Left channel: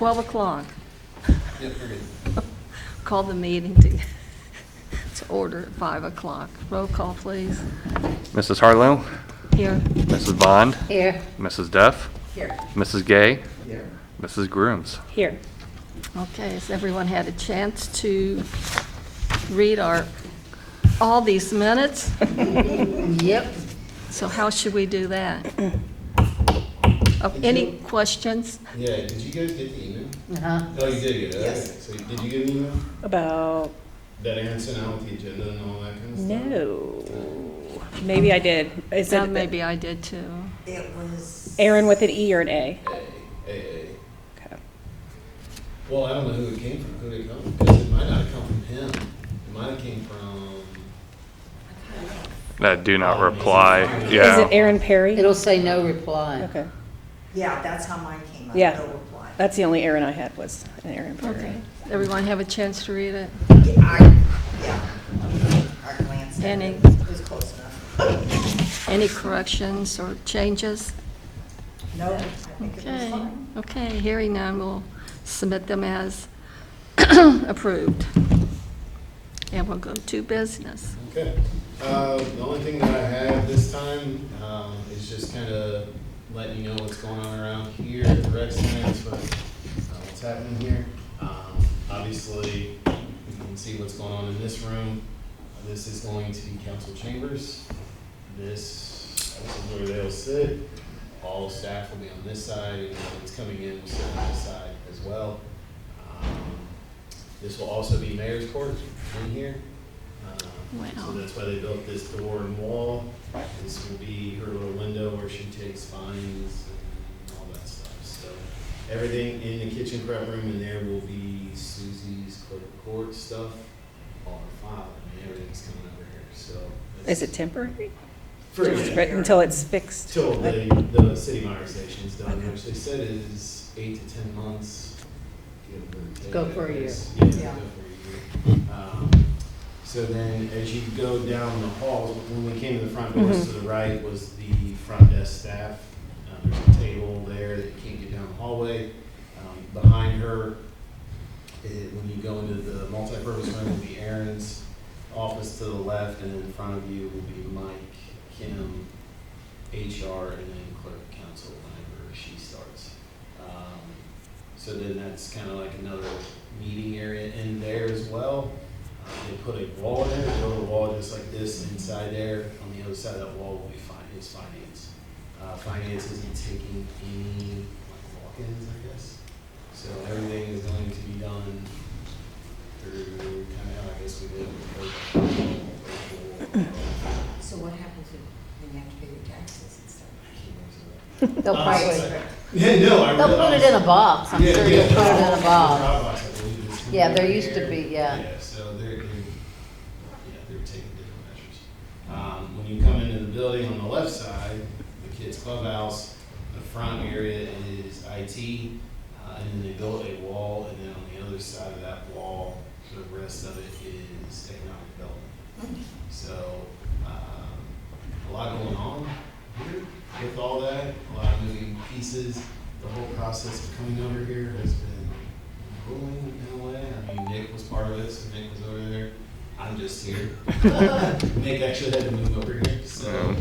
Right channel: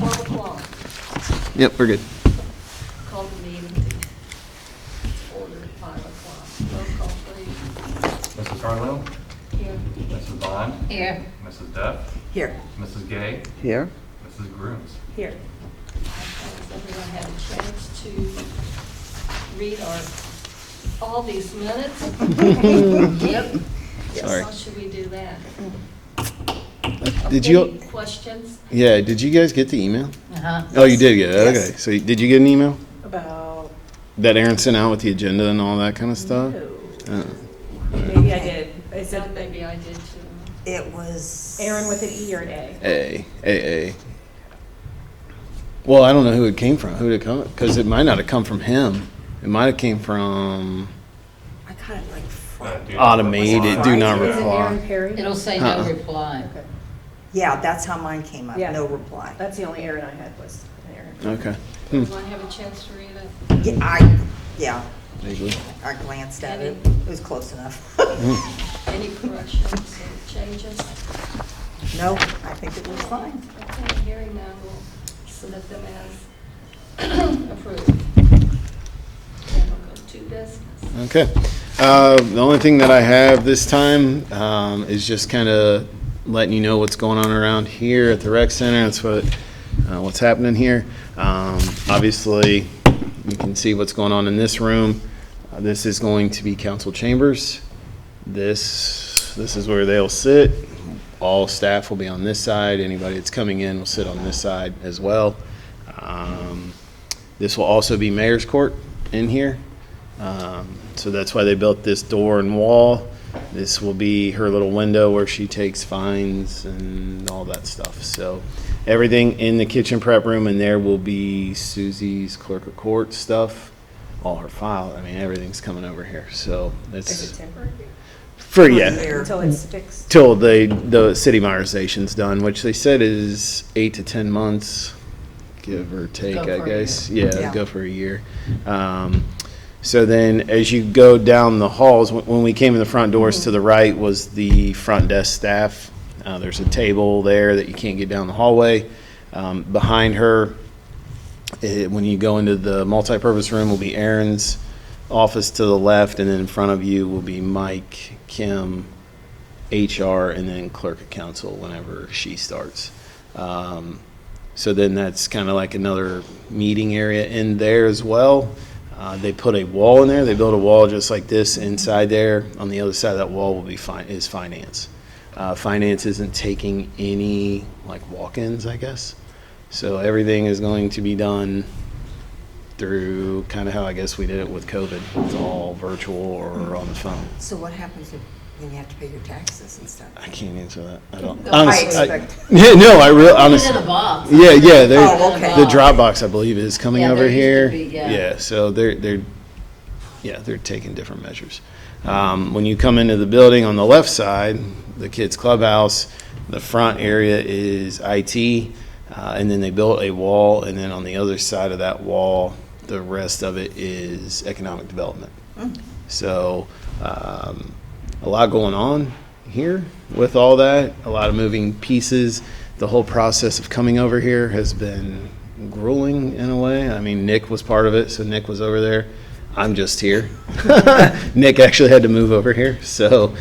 12 o'clock. Yep, we're good. Call the meeting to order at 5 o'clock. Roll call, please. Mrs. Harlow, Here. Mrs. Bond, Here. Mrs. Duff, Here. Mrs. Gay, Here. Mrs. Grooms. Here. Okay, has everyone had a chance to read all these minutes? Yep. So how should we do that? Did Any you- questions? Yeah, did you guys get the email? Uh-huh. Oh, you did get it, Yes. okay. So did you get an email About, that Aaron sent out with the agenda and all that kind of stuff? no. Maybe I did. Is it Maybe I did too. It was Aaron with an E or an A? A. Okay. Well, I don't know who it came from. Who did it come? Because it might not have come from him. It might have came from. I kind of like. That do not Automated, reply. do not Yeah. Is it Aaron Perry? It'll say no Uh-uh. reply. Okay. Yeah, that's how mine came up, Yeah. no reply. That's the only Aaron I had was an Aaron Perry. Okay. Everyone have a chance to read it? Yeah, I glanced at Danny. it, it was close enough. Any corrections or changes? No, I think it was fine. Okay, hearing none, we'll submit them as approved. And we'll go to business. Okay. The only thing that I have this time is just kind of letting you know what's going on around here at the rec center. That's what's happening here. Obviously, you can see what's going on in this room. This is going to be council chambers. This is where they'll sit. All staff will be on this side. Anybody that's coming in will sit on this side as well. This will also be mayor's court in here. So that's why they built this door and wall. This will be her little window where she takes fines and all that stuff. So everything in the kitchen prep room and there will be Susie's clerk of court stuff, all her file. I mean, everything's coming over here. So Is it it's temporary? for, Or is yeah, it Until it's fixed? till the city modernization done, which they said is 8 to 10 months, give or take, Go I for a guess. year. Yeah, Yeah. go for a year. So then as you go down the halls, when we came in the front doors, to the right was the front desk staff. There's a table there that you can't get down the hallway. Behind her, when you go into the multipurpose room, will be Aaron's office to the left, and then in front of you will be Mike, Kim, HR, and then clerk of council whenever she starts. So then that's kind of like another meeting area in there as well. They put a wall in there. They built a wall just like this inside there. On the other side of that wall will be is finance. Finance isn't taking any like walk-ins, I guess. So everything is going to be done through kind of how I guess we did it with COVID. It's all virtual or on the phone. So what happens when you have to pay your taxes and stuff? I can't answer that. I don't. They'll Honestly, I I- expect- yeah, no, I really Put it honestly. in a box. Yeah, yeah. Oh, okay. The Dropbox, I believe, is coming Yeah, over there used to here. be, yeah. So they're taking different measures. When you come into the building on the left side, the kids' clubhouse, the front area is IT, and then they built a wall, and then on the other side of that wall, the rest of it is economic development. So a lot going on here with all that, a lot of moving pieces. The whole process of coming over here has been grueling in a way. I mean, Nick was part of it, so Nick was over there. I'm just here. Nick actually had to move over here, so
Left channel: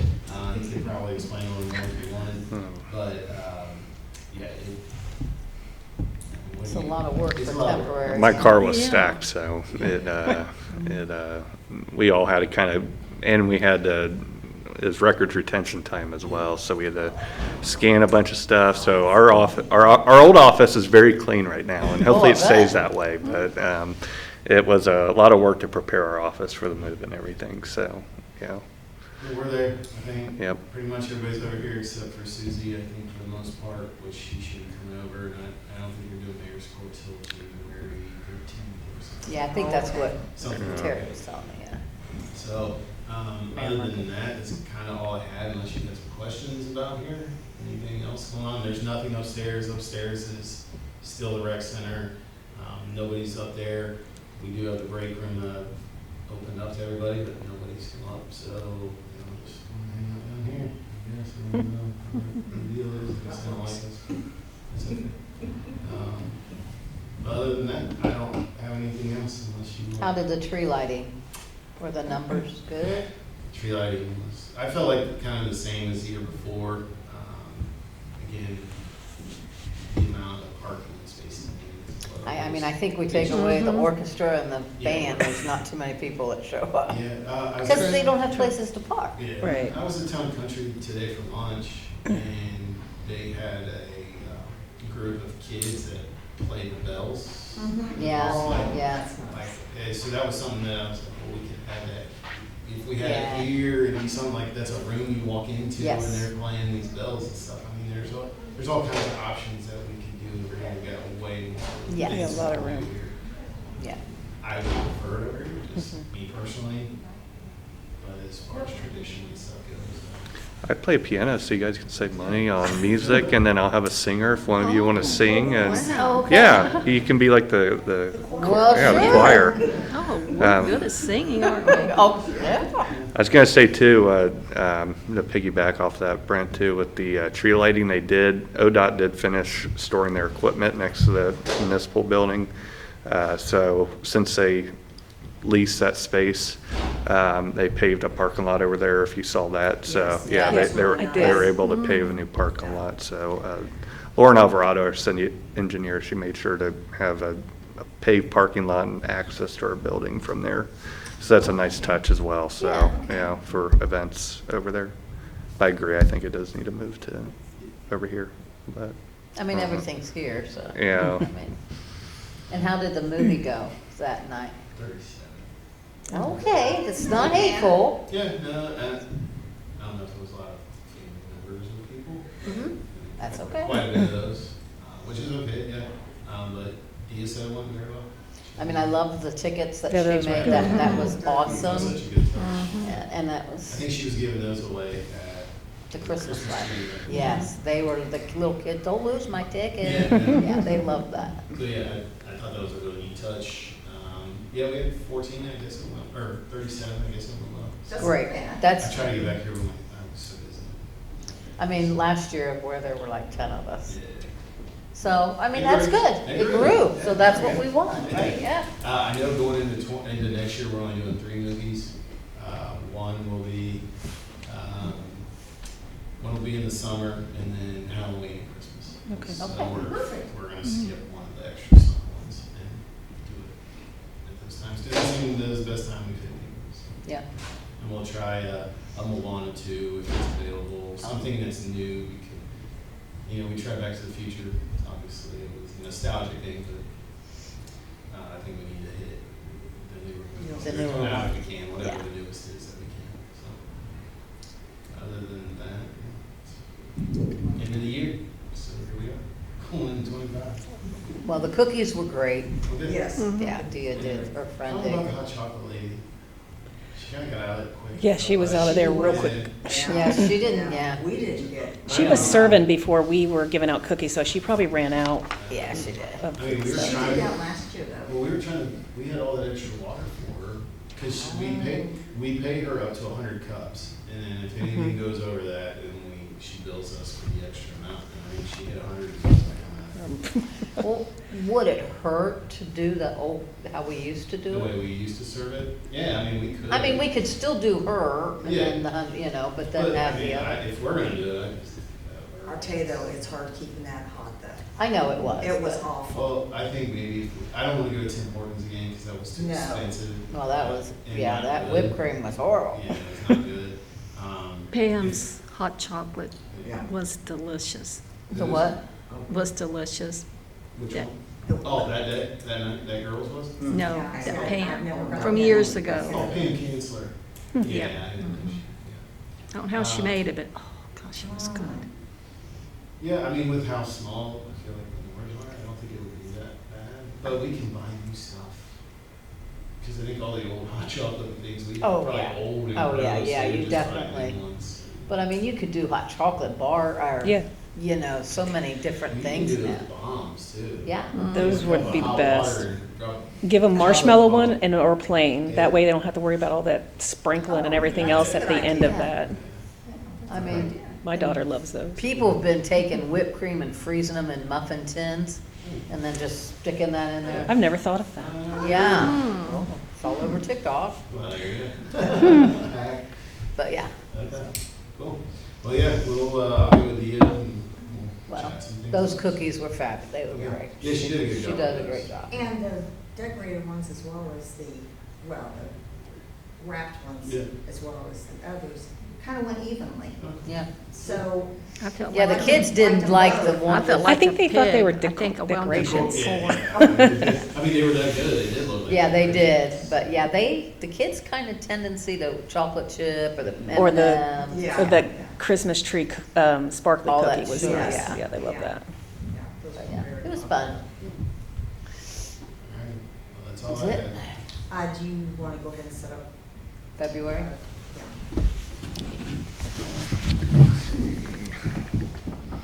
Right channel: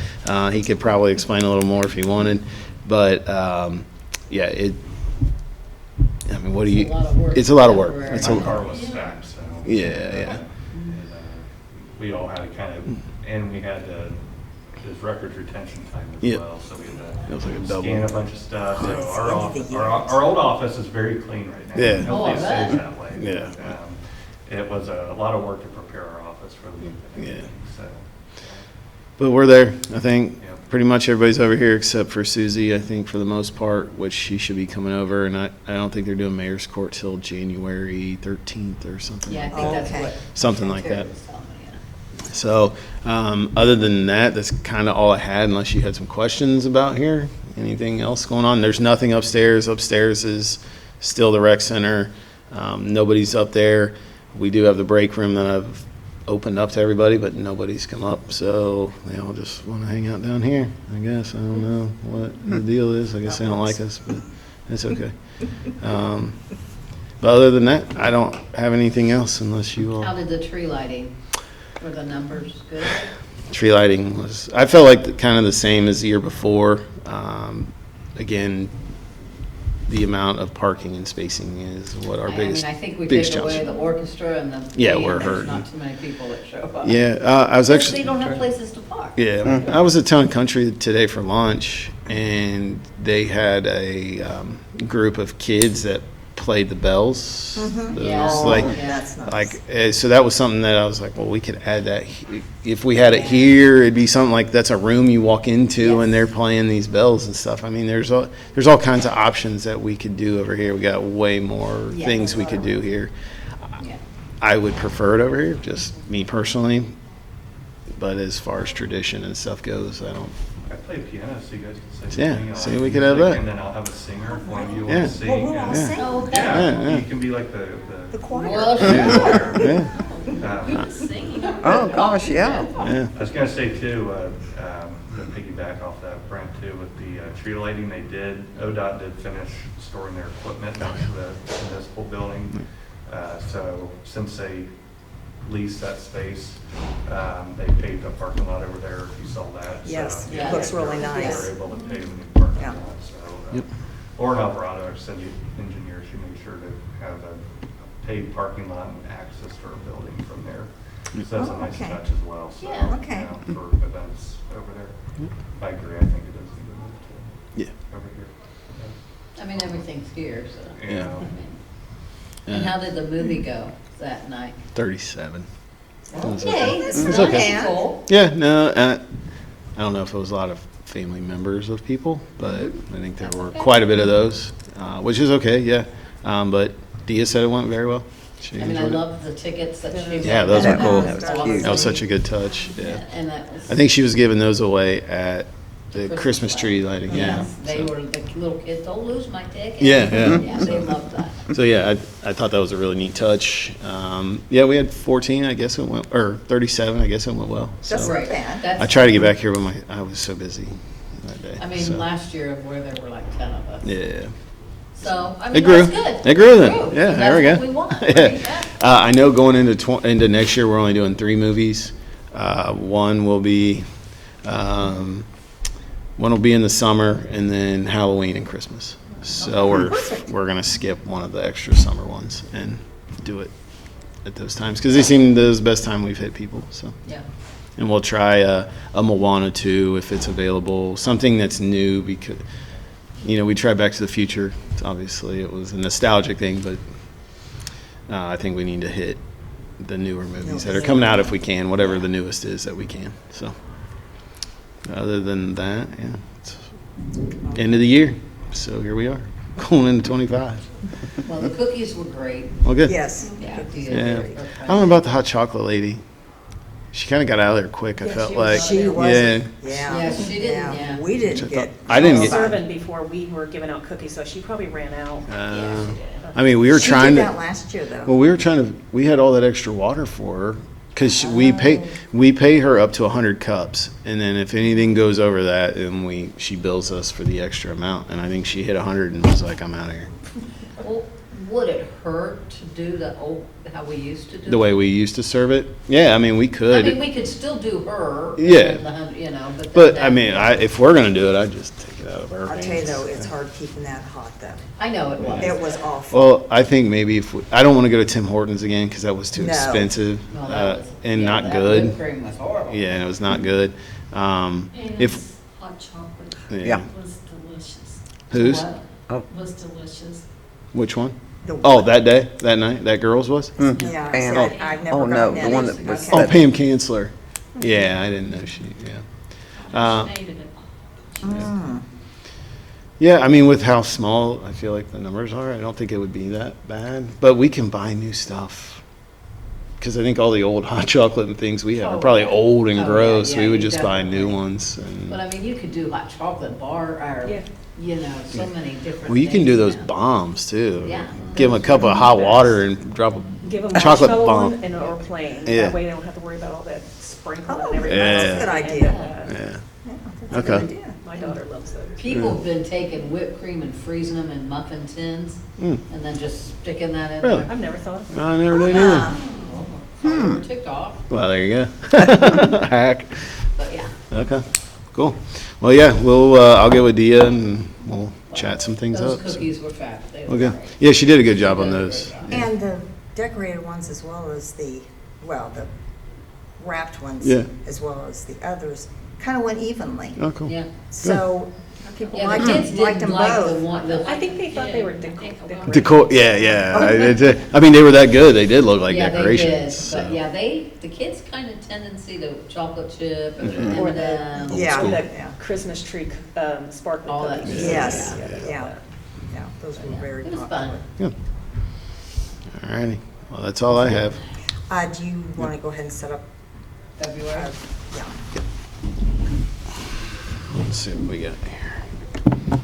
he could probably explain a little more if he wanted. But yeah, I mean, what do you? It's a lot of work. It's a lot of work. Temporary. It's My a- car was Yeah. stacked, so. Yeah. We all had to kind of, and we had to, it was records retention time as Yeah. well, so we had to double. scan a bunch of stuff. So our old office is very clean right now, Yeah. and hopefully Oh, it I stays bet. that way. Yeah. But it was a lot of work to prepare our office for the move and everything, so, yeah. But we're there, I think. Yep. Pretty much everybody's over here except for Susie, I think, for the most part, which she should be coming over. And I don't think they're doing mayor's court till January 13th or something. Yeah, I think that's Okay. what. Something like that. Terry was telling me, yeah. So, other than that, that's kind of all I had, unless you had some questions about here. Anything else going on? There's nothing upstairs. Upstairs is still the rec center. Nobody's up there. We do have the break room that I've opened up to everybody, but nobody's come up. So they all just want to hang out down here, I guess. I don't know what the deal is. I guess they don't like us, but it's okay. But other than that, I don't have anything else unless you all. How did the tree lighting? Were the numbers good? Tree lighting was, I felt like kind of the same as the year before. Again, the amount of parking and spacing is what our I biggest. mean, I think we biggest take away challenge. the orchestra and the Yeah, band, we're there's hurting. not too many people that show up. Yeah, I was Because they actually, don't have places to park. yeah, I was at Town and Country today for lunch, and they had a group of kids that played the bells. It Yeah, was like, yeah. That's nice. like, so that was something that I was like, well, we could add that. If we had it here, it'd be something like that's a room you walk into and Yes. they're playing these bells and stuff. I mean, there's all kinds of options that we could do over here. We got way more Yeah. things we could do here. Yeah. I would prefer it over here, just me personally. But as far as tradition and stuff goes, I don't. I play piano, so you guys can save Yeah, money so on we could have music, that. and then I'll have a singer if one of you want Yeah. to sing. And Okay. yeah, Yeah. you can be like the Well, yeah, choir. Yeah, Oh, we're good at singing. Oh, gosh, yeah. yeah. I was gonna say too, to piggyback off that, Brent, too, with the tree lighting they did, ODOT did finish storing their equipment next to the municipal building. So since they leased that space, they paved a parking lot over there, if you saw that. So, Yes, yeah, that was they were, really they were nice. able to pave a new parking Yeah. lot, so. Lauren Alvarado, our city engineer, she made sure to have a paved parking lot and access to our building from there. So that's a nice okay. touch as well, so, Yeah, you okay. know, for events over there. I agree, I think it does need to move to Yeah. over here, but, I mean, everything's here, so. Yeah. I mean, And how did the movie go that night? 37. Okay, it's It's not okay. hateful. Yeah, no, I don't know if it was a lot of family members of people, but I think there That's were okay. quite a bit of those, which is okay, yeah. But Dia said it went very well. She I mean, I enjoyed it. love the tickets that Yeah, she those made. Yeah, those were That cool. was That was cute. awesome. That was such a good touch, Yeah, yeah. and that was. I think she was giving those away at the the Christmas tree lighting, yeah. Yes, they were, the little kids, don't lose my ticket. Yeah, yeah. Yeah, they loved that. So, yeah, I thought that was a really neat touch. Yeah, we had 14, I guess it went, or 37, I guess it went well. That's So right. That's. I tried to get back here, but I was so busy that day. I mean, so. last year where there were like 10 of us. Yeah. So, I It mean, grew. that's good. It grew then. Grew. Yeah, So there we that's go. what we want, Yeah. right? Yeah. I know going into next year, we're only doing 3 movies. One will be in the summer, and then Halloween and Christmas. So we're gonna skip one of the extra summer ones and do it at those times because they seem the best time we've hit people. So. Yeah. And we'll try a Moana 2 if it's available, something that's new because, we tried Back to the Future. Obviously, it was a nostalgic thing, but I think we need to hit the newer movies that are coming out if we can, whatever the newest is that we can. So, other than that, yeah, it's end of the year. So here we are, going into 25. Well, the cookies were great. Well, good. Yes. Yeah. Yeah. I don't know about the hot chocolate lady. She kind of got out of there quick. I Yeah, felt she was like, out of there yeah. wasn't- Yeah, she didn't, yeah. We didn't get. I didn't She was get- serving before we were giving out cookies, so she probably ran out. Yeah, she did. I mean, we were She trying did to. that last year, though. Well, we had all that extra water for her because we pay her up to 100 cups, and then if anything goes over that, then she bills us for the extra amount. And I think she hit 100 and was like, "I'm out of here." Well, would it hurt to do how we used to do it? The way we used to serve it, yeah. I mean, we could. I mean, we could still do her. and Yeah. then but. but then I mean, have- if we're gonna do it, I'd just take it out of her I'll hands. tell you though, it's hard keeping that hot though. I know it was. It was awful. Well, I think maybe I don't want to go to Tim Hortons again because that was too No. expensive Well, that was. and yeah, not that good. Whipped cream was horrible. Yeah, and it was not good. Pam's hot chocolate Yeah. was delicious. So Whose? what? Was delicious. Which one? The- Oh, that day, that night, that girl's was? No, Yeah, it's I Pam. I've never Oh, no, gotten the that. one Years that ago. was Oh, that- Pam Kansler. Yeah, I didn't know she, yeah. I don't know how she made it, but, oh, gosh, it was good. Yeah, I mean, with how small I feel like the numbers are, I don't think it would be that bad. But we can buy new stuff. Because I think all the old hot chocolate and things we have are Oh, probably yeah. old and Oh, yeah, gross. yeah, We would you just buy new definitely- ones. But I mean, you could do hot chocolate bar, or, Yeah. so many different things. Well, you can do those now. bombs too. Yeah. Give them a cup of hot water and drop a Give them chocolate marshmallow bomb. one or plain. Yeah. That way they don't have to worry about all that sprinkling and Oh, everything yeah. else at Good the end idea. of that. Yeah. That's a good Okay. idea. My daughter loves those. People have been taking whipped cream and freezing them in muffin tins and then just sticking that in Really? there. I've never thought of I never did either. Yeah. Saw it over TikTok, Well, there you go. Hack. but yeah. Okay, cool. Well, yeah, I'll get with Dia and we'll chat some things Those up. so. cookies were fabulous. They were Okay. great. Yeah, she did a good She job on did a great those. job. And the decorated ones as well as the wrapped ones. Yeah. As well as the others, kind of went evenly. Oh, cool. Yeah. So, I felt Yeah, the like- kids Liked didn't them like both. the one. I felt I like think a they thought they pig. were I think a well- Decor, I mean, they were that good. They did look like Yeah, they did, decorations. but yeah, the kids kind of tendency, the chocolate chip or the Or the- M&Ms. Yeah. Or the Yeah. Christmas tree sparkly All that cookies. shit. Yes. Yeah, they love Yeah. that. yeah, those But were yeah, very it was popular. fun. All righty. Well, that's all I have. Do you want to go ahead and set up? February. Yeah. Let's see what we got here.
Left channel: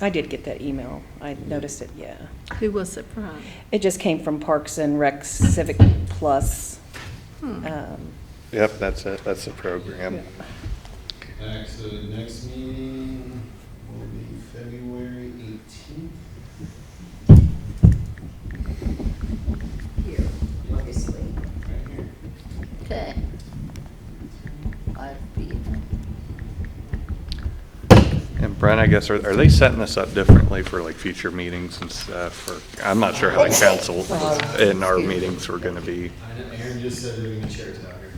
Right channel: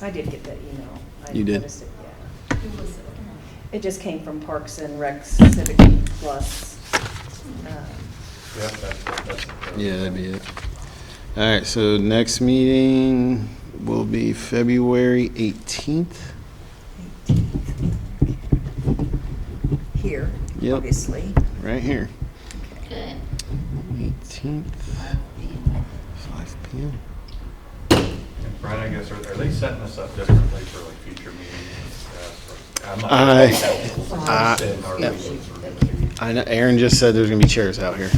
I did get that email. I You did? noticed it, yeah. Who was it from? It just came from Parks and Rec Civic Plus. Yep, that's a program. Yeah, I mean, all right, so next meeting will be February 18th. Here, Yep. obviously. Right here. Okay. 18th, 5 p.m. 5 p.m. And Brent, I guess, are they setting this up differently for like future meetings and stuff? For, I'm not sure how council in our meetings were gonna be. I know Aaron just said there's gonna be chairs out here.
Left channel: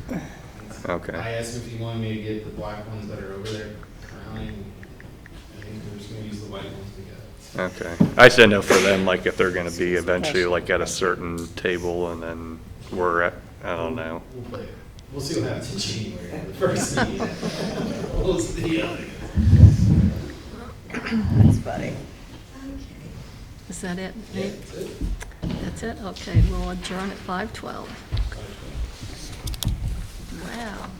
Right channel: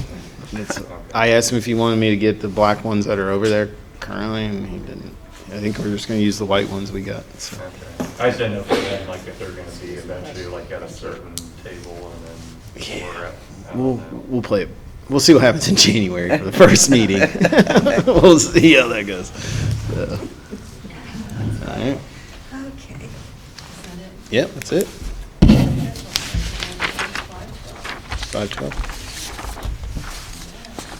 Okay. I asked him if he wanted me to get the black ones that are over there currently, and he didn't. I think we're just gonna use the white ones we got. So. Okay. I just didn't know for them, like, if they're gonna be eventually like at a certain table and then we're at, I don't know. We'll play it. We'll see what happens in January for the first meeting. We'll see how that goes. All right. Okay. Is that it? Yep, that's it. That's it? Okay, we'll adjourn at 5:12. 5:12.